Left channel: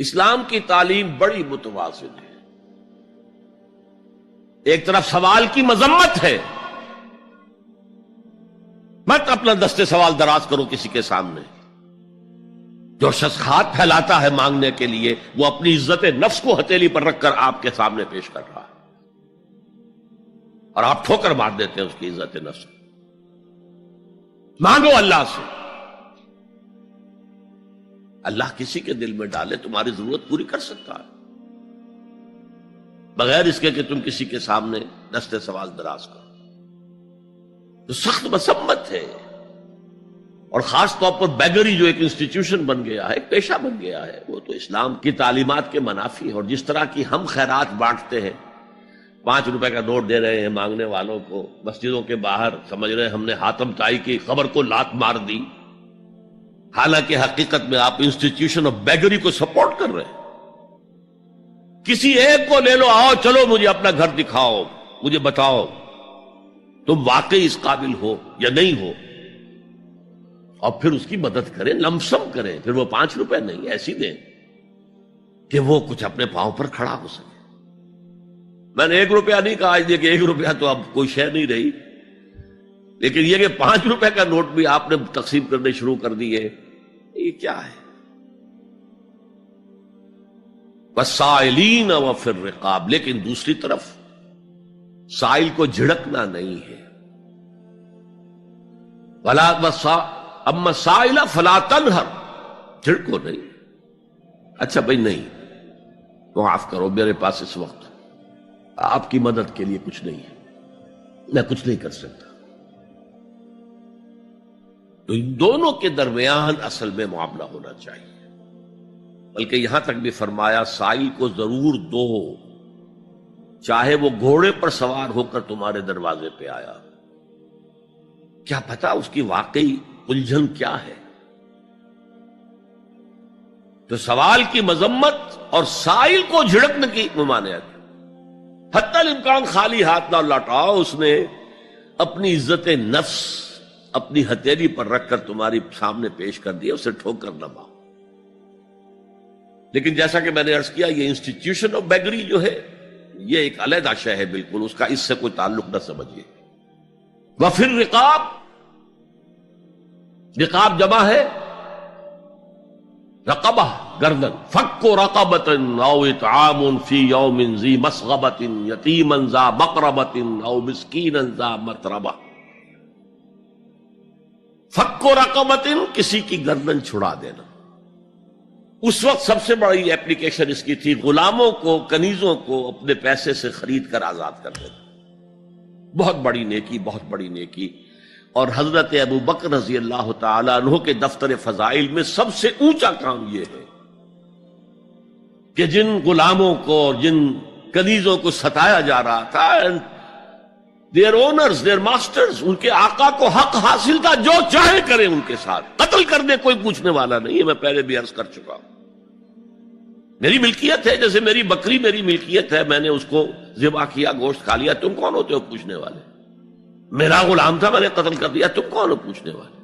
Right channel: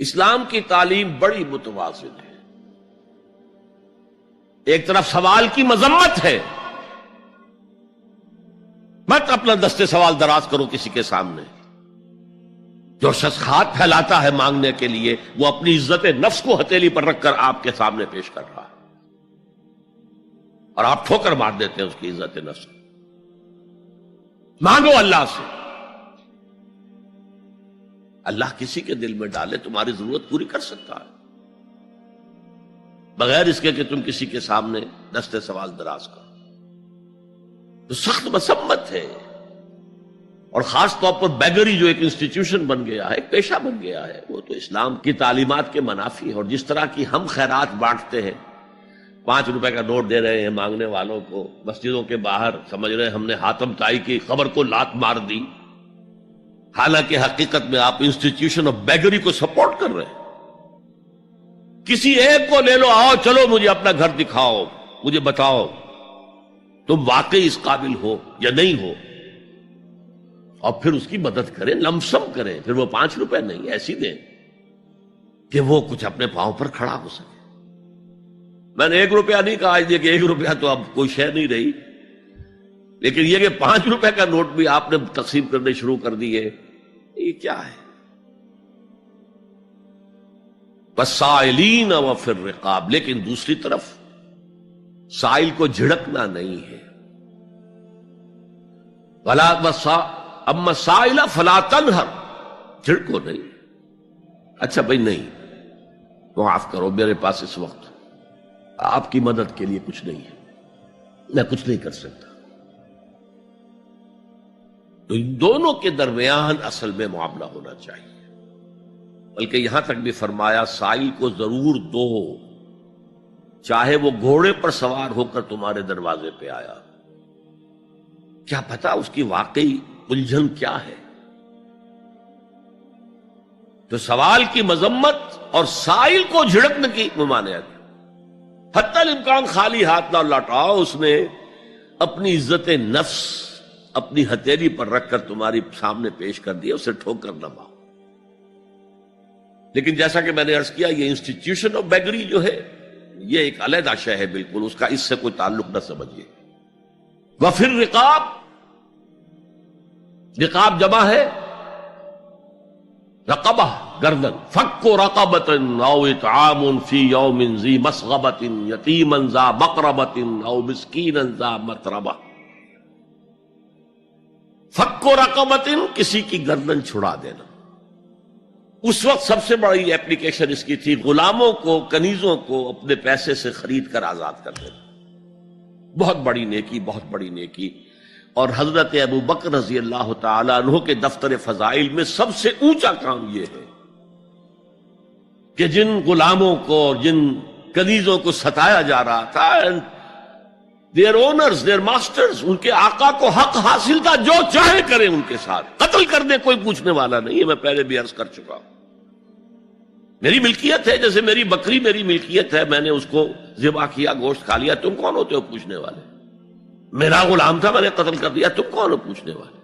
اسلام کی تعلیم بڑی متوازن ہے. ایک طرف سوال کی مذمت ہے، مت اپنا دستے سوال دراز کرو کسی کے سامنے. جو شخص ہاتھ پھیلاتا ہے مانگنے کے لیے وہ اپنی عزت نفس کو ہتھیلی پر رکھ کر آپ کے سامنے پیش کر رہا ہے، اور آپ ٹھوکر مار دیتے ہیں اس کی عزت نفس. مانگو اللہ سے، اللہ کسی کے دل میں ڈالے تمہاری ضرورت پوری کر سکتا ہے، بغیر اس کے کہ تم کسی کے سامنے دستے سوال دراز کرو. تو سخت مذمت ہے. اور خاص طور پر بیگری جو ایک انسٹیٹیوشن بن گیا ہے، ایک پیشہ بن گیا ہے، وہ تو اسلام کی تعلیمات کے منافی ہے. اور جس طرح کی ہم خیرات بانٹتے ہیں، 5 روپے کا نوٹ دے رہے ہیں مانگنے والوں کو مسجدوں کے باہر، سمجھ رہے ہم نے حاتم طائی کی خبر کو لات مار دی، حالانکہ حقیقت میں آپ انسٹیٹیوشن آف بیگری کو سپورٹ کر رہے ہیں. کسی ایک کو لے لو، آؤ چلو مجھے اپنا گھر دکھاؤ، مجھے بتاؤ تم واقعی اس قابل ہو یا نہیں ہو، اور پھر اس کی مدد کریں، لمسم کریں. پھر وہ 5 روپے نہیں ایسی دیں کہ وہ کچھ اپنے پاؤں پر کھڑا ہو سکے. میں نے 1 روپیہ نہیں کہا کہ 1 روپیہ تو اب کوئی شے نہیں رہی، لیکن یہ کہ 5 روپے کا نوٹ بھی آپ نے تقسیم کرنے شروع کر دیے، یہ کیا ہے؟ وَالسَّائِلِينَ وَفِي الرِّقَابِ. لیکن دوسری طرف سائل کو جھڑکنا نہیں ہے. اما السائل فلا تنہر، جھڑکو نہیں. اچھا بھائی نہیں، معاف کرو میرے پاس اس وقت آپ کی مدد کے لیے کچھ نہیں ہے، میں کچھ نہیں کر سکتا. تو ان دونوں کے درمیان اصل میں معاملہ ہونا چاہیے. بلکہ یہاں تک بھی فرمایا سائل کو ضرور دو، چاہے وہ گھوڑے پر سوار ہو کر تمہارے دروازے پہ آیا. کیا پتا اس کی واقعی الجھن کیا ہے. تو سوال کی مذمت اور سائل کو جھڑکنے کی ممانعت. حتی الامکان خالی ہاتھ نہ لوٹاؤ. اس نے اپنی عزت نفس اپنی ہتھیلی پر رکھ کر تمہاری سامنے پیش کر دیا، اسے ٹھوکر نہ مارو. لیکن جیسا کہ میں نے عرض کیا، یہ انسٹیٹیوشن آف بیگری جو ہے یہ ایک علیحدہ شے ہے، بالکل اس کا اس سے کوئی تعلق نہ سمجھیے. وفی الرقاب، رقاب جمع ہے رقبہ، گردن. فک رقبۃ او اطعام فی یوم ذی مسغبۃ یتیما ذا مقربۃ او مسکینا ذا متربہ. فک رقبۃ، کسی کی گردن چھڑا دینا. اس وقت سب سے بڑی ایپلیکیشن اس کی تھی غلاموں کو، کنیزوں کو اپنے پیسے سے خرید کر آزاد کر دینا. بہت بڑی نیکی، بہت بڑی نیکی. اور حضرت ابو بکر رضی اللہ تعالیٰ عنہ کے دفتر فضائل میں سب سے اونچا کام یہ ہے کہ جن غلاموں کو اور جن کنیزوں کو ستایا جا رہا تھا، دیئر اونرز، دیئر ماسٹرز، ان کے آقا کو حق حاصل تھا، جو چاہے کریں ان کے ساتھ. قتل کرنے کوئی پوچھنے والا نہیں ہے. میں پہلے بھی عرض کر چکا ہوں، میری ملکیت ہے، جیسے میری بکری میری ملکیت ہے، میں نے اس کو ذبح کیا، گوشت کھا لیا، تم کون ہوتے ہو پوچھنے والے؟ میرا غلام تھا، میں نے قتل کر دیا، تم کون ہو پوچھنے والے؟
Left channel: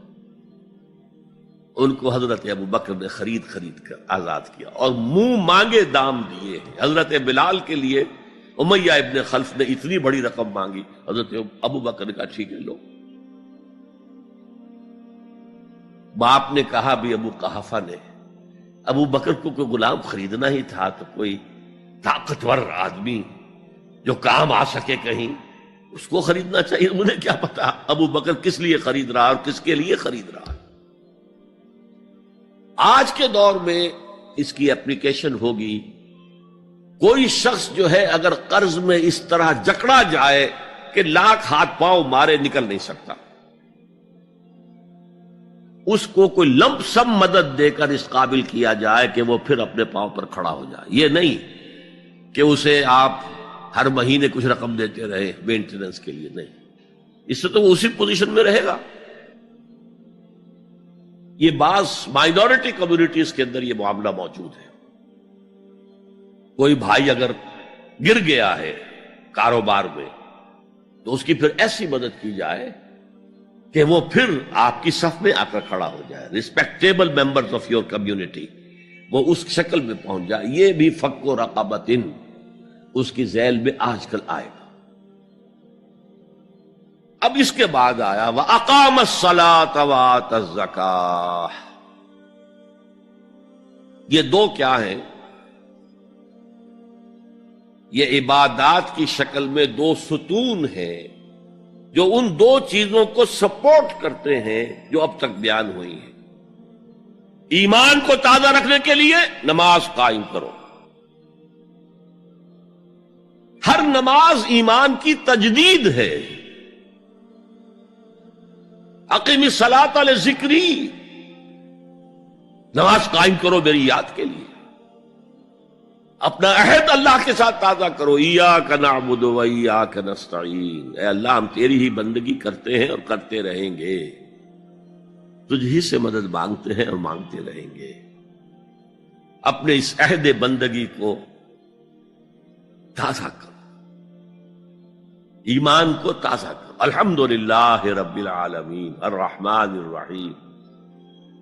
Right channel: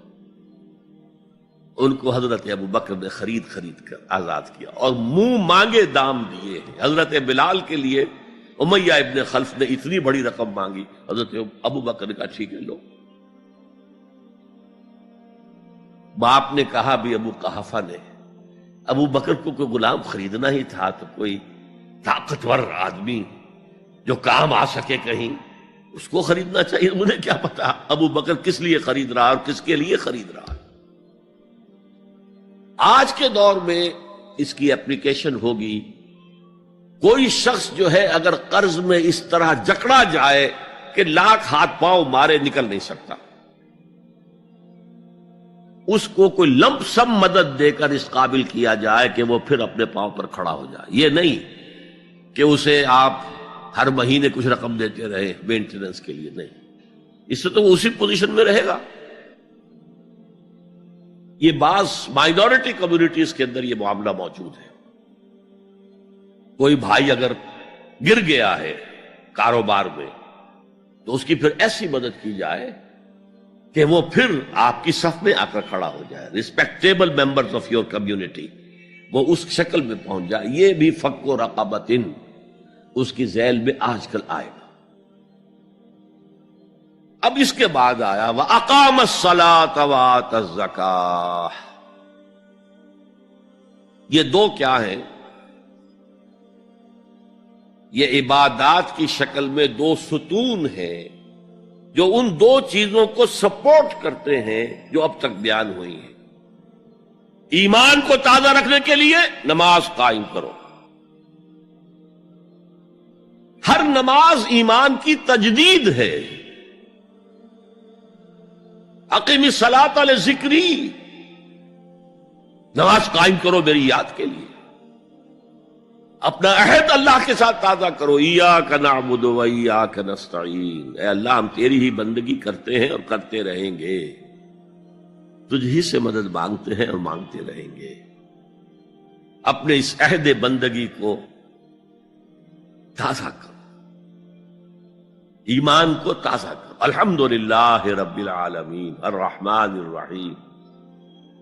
ان کو حضرت ابو بکر نے خرید کر آزاد کیا اور منہ مانگے دام دیے. حضرت بلال کے لیے امیہ ابن خلف نے اتنی بڑی رقم مانگی، حضرت ابو بکر کا ٹھیک ہے لو. باپ نے کہا بھی ابو قحافہ نے، ابو بکر کو کوئی غلام خریدنا ہی تھا تو کوئی طاقتور آدمی جو کام آ سکے کہیں، اس کو خریدنا چاہیے. انہیں کیا پتا ابو بکر کس لیے خرید رہا اور کس کے لیے خرید رہا. آج کے دور میں اس کی اپلیکیشن ہوگی. کوئی شخص جو ہے اگر قرض میں اس طرح جکڑا جائے کہ لاکھ ہاتھ پاؤں مارے نکل نہیں سکتا، اس کو کوئی لمپ سم مدد دے کر اس قابل کیا جائے کہ وہ پھر اپنے پاؤں پر کھڑا ہو جائے. یہ نہیں کہ اسے آپ ہر مہینے کچھ رقم دیتے رہے مینٹیننس کے لیے، نہیں. اس سے تو وہ اسی پوزیشن میں رہے گا. یہ بعض مائنورٹی کمیونٹیز کے اندر یہ معاملہ موجود ہے. کوئی بھائی اگر گر گیا ہے کاروبار میں تو اس کی پھر ایسی مدد کی جائے کہ وہ پھر آپ کی صف میں آ کر کھڑا ہو جائے. Respectable members of your community وہ اس شکل میں پہنچ جائے. یہ بھی فک و رقبۃ اس کی ذیل میں آج کل آئے گا. اب اس کے بعد آیا وَأَقَامَ الصَّلَاةَ وَآتَى الزَّكَاةَ. یہ دو کیا ہیں؟ یہ عبادات کی شکل میں دو ستون ہیں جو ان دو چیزوں کو سپورٹ کرتے ہیں جو اب تک بیان ہوئی ہیں. ایمان کو تازہ رکھنے کے لیے نماز قائم کرو. ہر نماز ایمان کی تجدید ہے. اقیم الصلاۃ لذکری، نماز قائم کرو میری یاد کے لیے. اپنا عہد اللہ کے ساتھ تازہ کرو. ایاک نعبد و ایاک نستعین، اے اللہ ہم تیری ہی بندگی کرتے ہیں اور کرتے رہیں گے، تجھ ہی سے مدد مانگتے ہیں اور مانگتے رہیں گے. اپنے اس عہد بندگی کو تازہ کرو، ایمان کو تازہ کرو. الحمدللہ رب العالمین الرحمن الرحیم.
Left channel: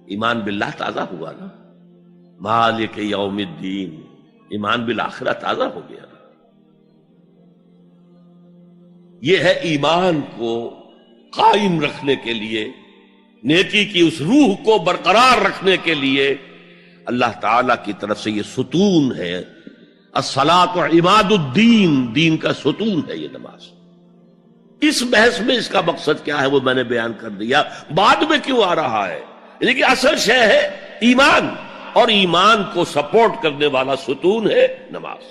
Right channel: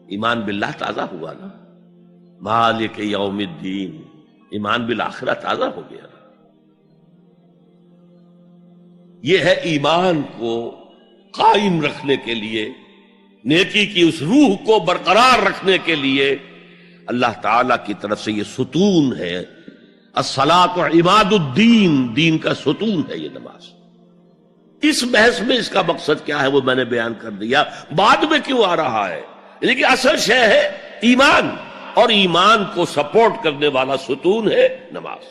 ایمان باللہ تازہ ہوا نا. مالک یوم الدین، ایمان بالآخرہ تازہ ہو گیا نا. یہ ہے ایمان کو قائم رکھنے کے لیے، نیکی کی اس روح کو برقرار رکھنے کے لیے اللہ تعالی کی طرف سے یہ ستون ہے. الصلاۃ عماد الدین، دین کا ستون ہے یہ نماز. اس بحث میں اس کا مقصد کیا ہے وہ میں نے بیان کر دیا. بعد میں کیوں آ رہا ہے؟ یعنی کہ اصل شے ہے ایمان، اور ایمان کو سپورٹ کرنے والا ستون ہے نماز.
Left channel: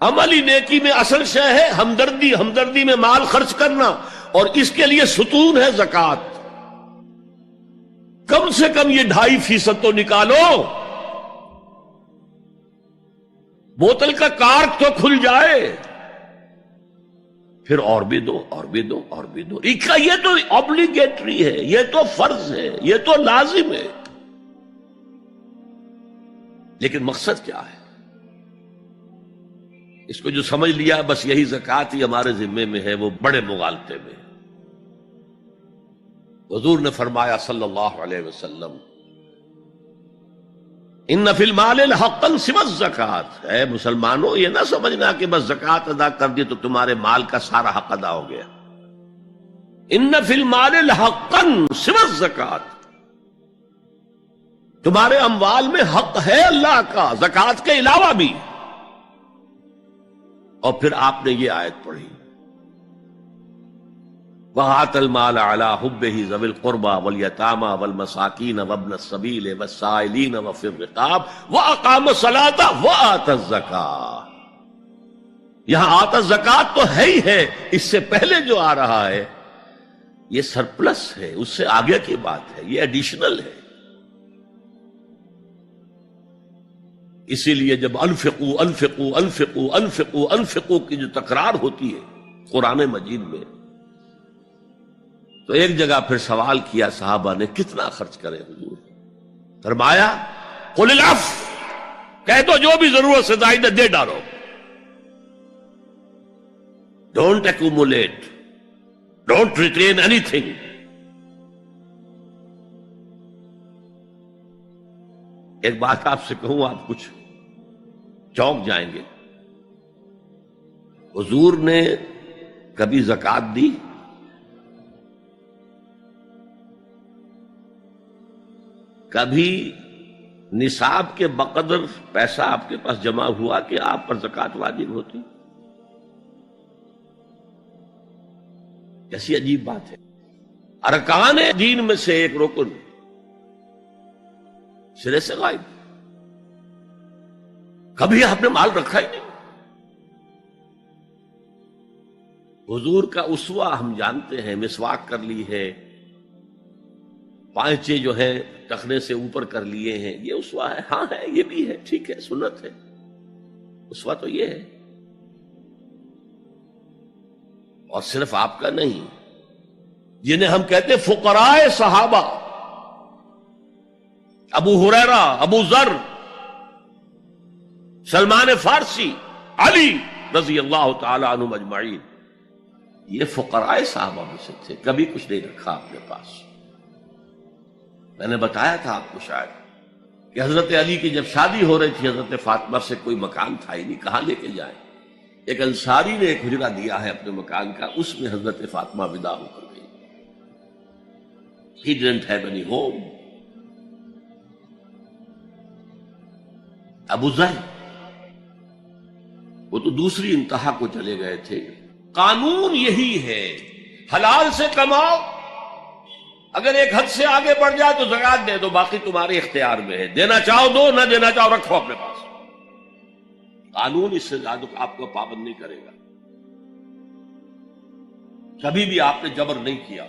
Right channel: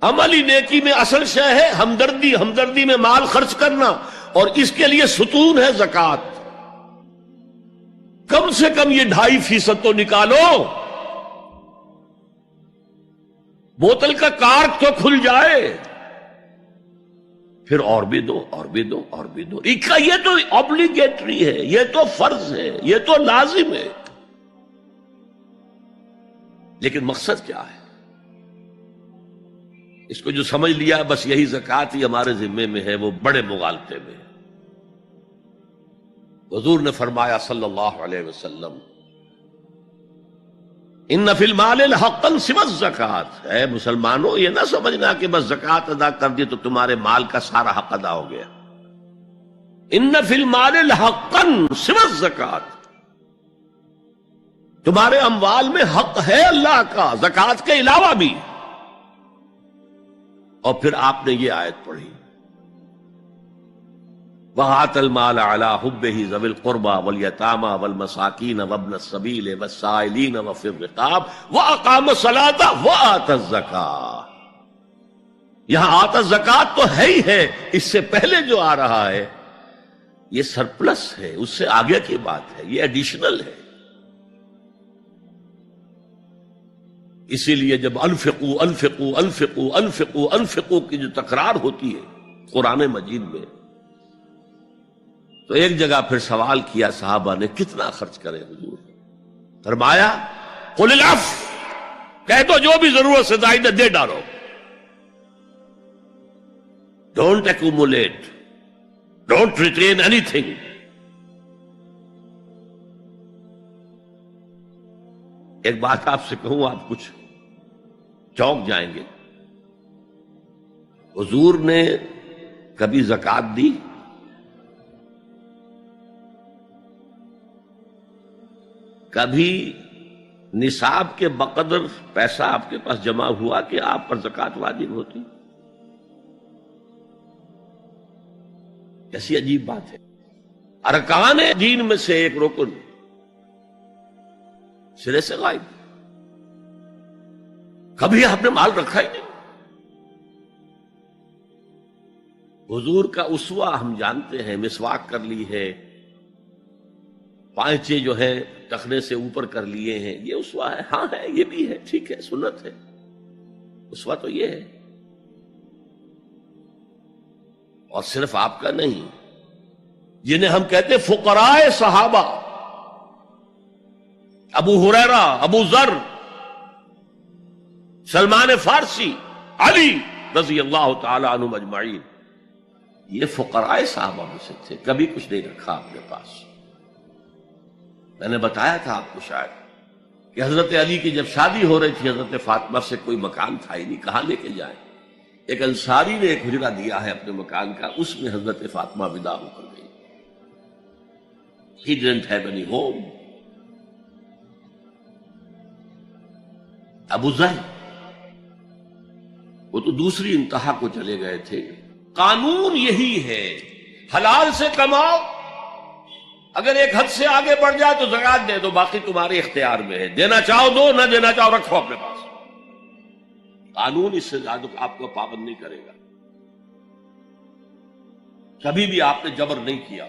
عملی نیکی میں اصل شے ہے ہمدردی، ہمدردی میں مال خرچ کرنا، اور اس کے لیے ستون ہے زکوٰۃ. کم سے کم یہ 2.5% تو نکالو. بوتل کا کارک تو کھل جائے، پھر اور بھی دو، اور بھی دو، اور بھی دو. یہ تو obligatory ہے، یہ تو فرض ہے، یہ تو لازم ہے. لیکن مقصد کیا ہے؟ اس کو جو سمجھ لیا بس یہی زکوٰۃ ہی ہمارے ذمے میں ہے، وہ بڑے مغالطے میں. حضور نے فرمایا صلی اللہ علیہ وسلم ان فی المال حقا سوى الزکوٰۃ. اے مسلمانوں یہ نہ سمجھنا کہ بس زکوٰۃ ادا کر دی تو تمہارے مال کا سارا حق ادا ہو گیا. ان فی المال حقا سوى الزکوٰۃ، تمہارے اموال میں حق ہے اللہ کا، زکوٰۃ کے علاوہ بھی. اور پھر آپ نے یہ آیت پڑھی وَآتَى الْمَالَ عَلَىٰ حُبِّهِ ذَوِي الْقُرْبَىٰ وَالْيَتَامَىٰ وَالْمَسَاكِينَ وَابْنَ السَّبِيلِ وَالسَّائِلِينَ وَفِي الرِّقَابِ وَأَقَامَ الصَّلَاةَ وَآتَى الزَّكَاةَ. یہاں آتا زکوٰۃ تو ہے ہی ہے، اس سے پہلے جو آ رہا ہے یہ سرپلس ہے، اس سے آگے کی بات ہے، یہ ایڈیشنل ہے. اسی لیے جب انفقوا انفقوا انفقوا انفقوا انفقوا کی جو تکرار ہوتی ہے قرآن مجید میں، تو ایک جگہ پھر سوال کیا صحابہ نے کتنا خرچ کرے حضور؟ فرمایا قل العفو، کہہ دو جو بھی ضرورت سے زائد دے ڈالو. Don't accumulate, don't retain any thing. ایک بات آپ سے کہوں، آپ کچھ چونک جائیں گے. حضور نے کبھی زکوٰۃ دی؟ کبھی نصاب کے بقدر پیسہ آپ کے پاس جمع ہوا کہ آپ پر زکوٰۃ واجب ہوتی؟ کیسی عجیب بات ہے. ارکان دین میں سے ایک رکن سرے سے غائب. کبھی آپ نے مال رکھا ہی نہیں. حضور کا اسوہ ہم جانتے ہیں، مسواک کر لی ہے، پانچے جو ہے ٹخنے سے اوپر کر لیے ہیں، یہ اسوہ ہے. ہاں ہے، یہ بھی ہے، ٹھیک ہے، سنت ہے. اسوہ تو یہ ہے. اور صرف آپ کا نہیں، جنہیں ہم کہتے فقراء صحابہ، ابو ہریرہ، ابو ذر، سلمان فارسی، علی رضی اللہ تعالی عنہ اجمعین، یہ فقراء صحابہ میں سے تھے. کبھی کچھ نہیں رکھا اپنے پاس. میں نے بتایا تھا آپ کو شاید کہ حضرت علی کی جب شادی ہو رہی تھی حضرت فاطمہ سے، کوئی مکان تھا ہی نہیں، کہاں لے کے جائے؟ ایک انصاری نے ایک حجرہ دیا ہے اپنے مکان کا، اس میں حضرت فاطمہ ودا ہو کر گئی. He didn't have any home. ابو ذر وہ تو دوسری انتہا کو چلے گئے تھے. قانون یہی ہے، حلال سے کماؤ، اگر ایک حد سے آگے بڑھ جائے تو زکات دے دو، باقی تمہارے اختیار میں ہے، دینا چاہو دو، نہ دینا چاہو رکھو اپنے پاس. قانون اس سے زیادہ آپ کو پابند نہیں کرے گا. کبھی بھی آپ نے جبر نہیں کیا،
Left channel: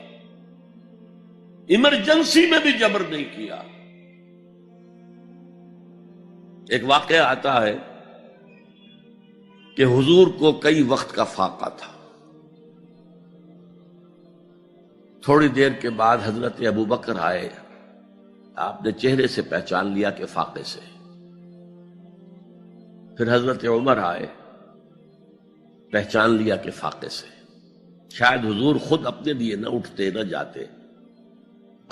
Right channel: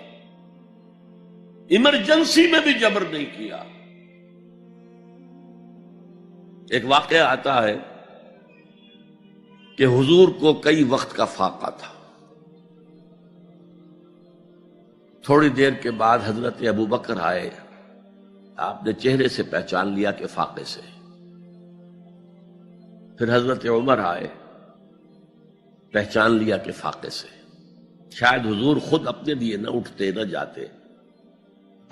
ایمرجنسی میں بھی جبر نہیں کیا. ایک واقعہ آتا ہے کہ حضور کو کئی وقت کا فاقہ تھا. تھوڑی دیر کے بعد حضرت ابو بکر آئے، آپ نے چہرے سے پہچان لیا کہ فاقے سے. پھر حضرت عمر آئے، پہچان لیا کہ فاقے سے. شاید حضور خود اپنے لیے نہ اٹھتے نہ جاتے،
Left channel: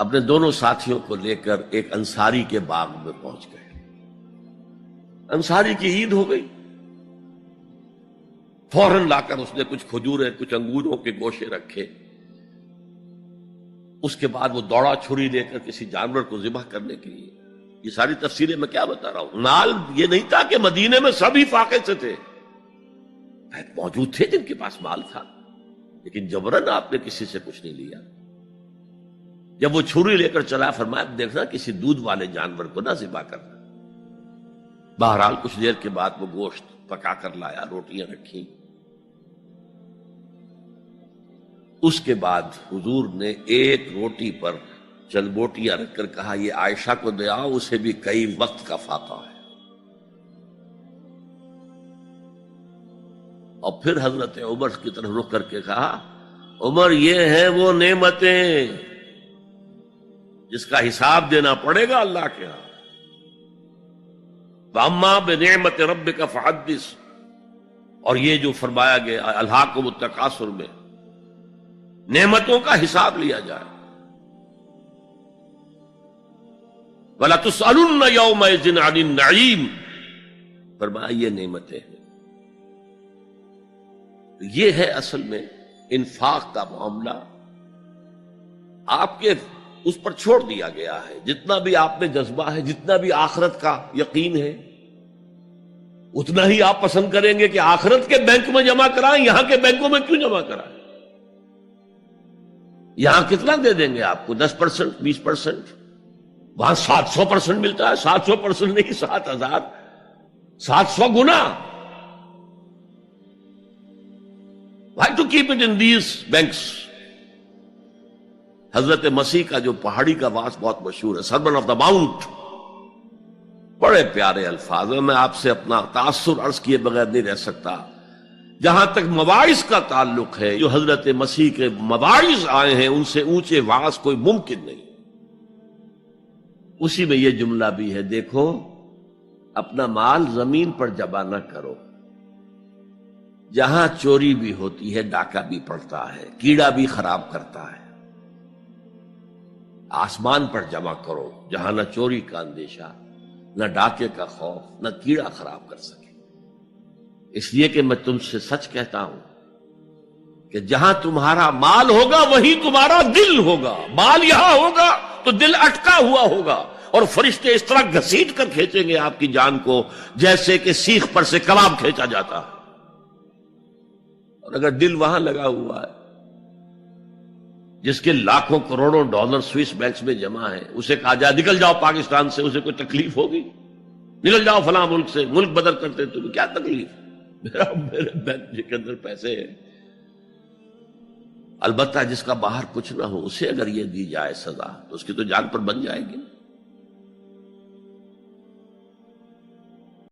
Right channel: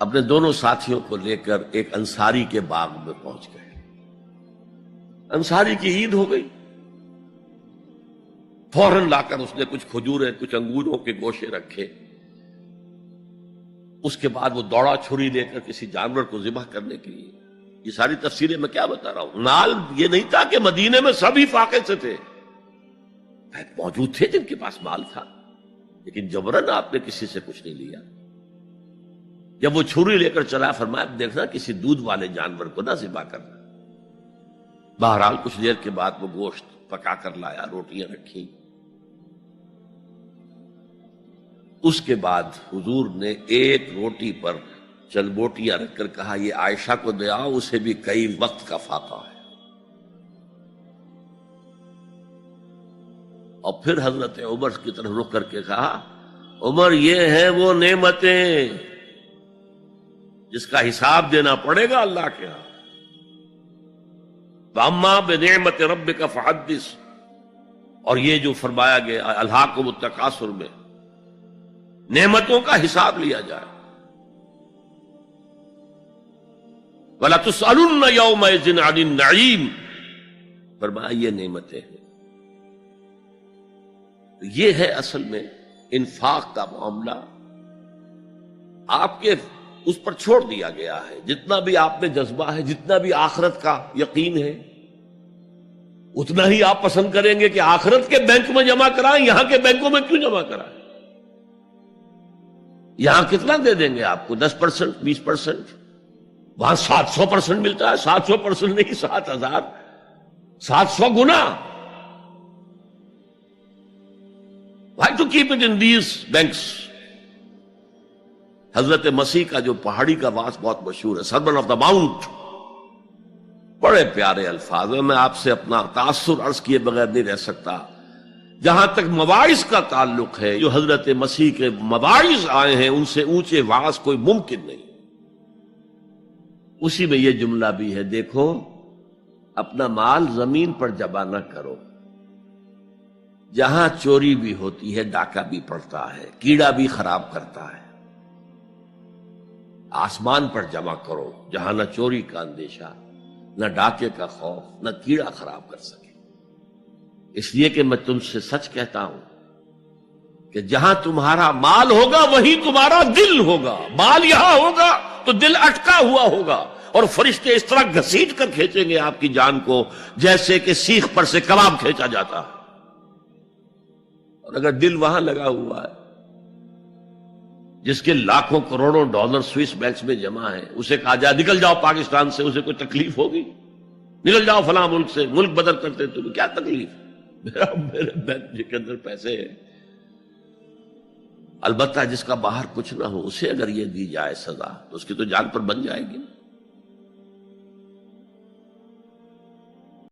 اپنے دونوں ساتھیوں کو لے کر ایک انصاری کے باغ میں پہنچ گئے. انصاری کی عید ہو گئی، فوراً لا کر اس نے کچھ کھجوریں کچھ انگوروں کے گوشے رکھے. اس کے بعد وہ دوڑا چھری لے کر کسی جانور کو ذبح کرنے کے لیے. یہ ساری تفسیریں میں کیا بتا رہا ہوں. نال یہ نہیں تھا کہ مدینے میں سبھی فاقے سے تھے، موجود تھے جن کے پاس مال تھا، لیکن جبرن آپ نے کسی سے کچھ نہیں لیا. جب وہ چھری لے کر چلا، فرمایا دیکھنا کسی دودھ والے جانور کو نہ ذبح کرنا. بہرحال کچھ دیر کے بعد وہ گوشت پکا کر لایا، روٹیاں رکھی. اس کے بعد حضور نے ایک روٹی پر چند بوٹیاں رکھ کر کہا یہ عائشہ کو دے آؤ، اسے بھی کئی وقت کا فاقہ ہے. اور پھر حضرت عمر کی طرف رخ کر کے کہا عمر یہ ہے وہ نعمتیں جس کا حساب دینا پڑے گا اللہ کے ہاں. وَأَمَّا بِنِعْمَةِ رَبِّكَ فَحَدِّثْ، اور یہ جو فرمایا گیا الہاکم التکاثر میں نعمتوں کا حساب لیا جائے. وَلَا تُسْأَلُنَّ يَوْمَئِذٍ عَنِ النَّعِيمِ، فرمایا یہ نعمتیں ہیں. یہ ہے اصل میں انفاق کا معاملہ. آپ کے اس پر چھوڑ دیا گیا ہے. جتنا بھی آپ میں جذبہ ہے، جتنا بھی آخرت کا یقین ہے، اتنا ہی آپ پسند کریں گے کہ آخرت کے بینک میں جمع کرائیں، یہاں کے بینکوں میں کیوں جمع کرائیں. یہاں کتنا دے دیں گے آپ کو؟ 10%، 20%. وہاں 700% ملتا ہے. 700% نہیں، 7,000، 700 گنا. Why to keep it in these banks؟ حضرت مسیح کا جو پہاڑی کا واس بہت مشہور ہے، سرمن آف دا ماؤنٹ، بڑے پیارے الفاظ ہیں. میں آپ سے اپنا تاثر عرض کیے بغیر نہیں رہ سکتا. جہاں تک مواعظ کا تعلق ہے، جو حضرت مسیح کے مواعظ آئے ہیں ان سے اونچے واعظ کوئی ممکن نہیں. اسی میں یہ جملہ بھی ہے، دیکھو اپنا مال زمین پر جمع نہ کرو. جہاں چوری بھی ہوتی ہے ڈاکہ بھی پڑتا ہے، کیڑا بھی خراب کرتا ہے. آسمان پر جمع کرو جہاں نہ چوری کا اندیشہ، نہ ڈاکے کا خوف، نہ کیڑا خراب کر سکے. اس لیے کہ میں تم سے سچ کہتا ہوں کہ جہاں تمہارا مال ہوگا وہی تمہارا دل ہوگا. مال یہاں ہوگا تو دل اٹکا ہوا ہوگا، اور فرشتے اس طرح گھسیٹ کر کھینچیں گے آپ کی جان کو جیسے کہ سیخ پر سے کباب کھینچا جاتا ہے. اور اگر دل وہاں لگا ہوا ہے جس کے لاکھوں کروڑوں ڈالر سوئس بینکس میں جمع ہیں، اسے کہا جائے نکل جاؤ پاکستان سے، اسے کوئی تکلیف ہوگی؟ نکل جاؤ فلاں ملک سے، ملک بدل کرتے تو کیا تکلیف؟ میرے بینک کے اندر پیسے ہیں. البتہ جس کا باہر کچھ نہ ہو اسے اگر یہ دی جائے سزا تو اس کی تو جان پر بن جائے گی.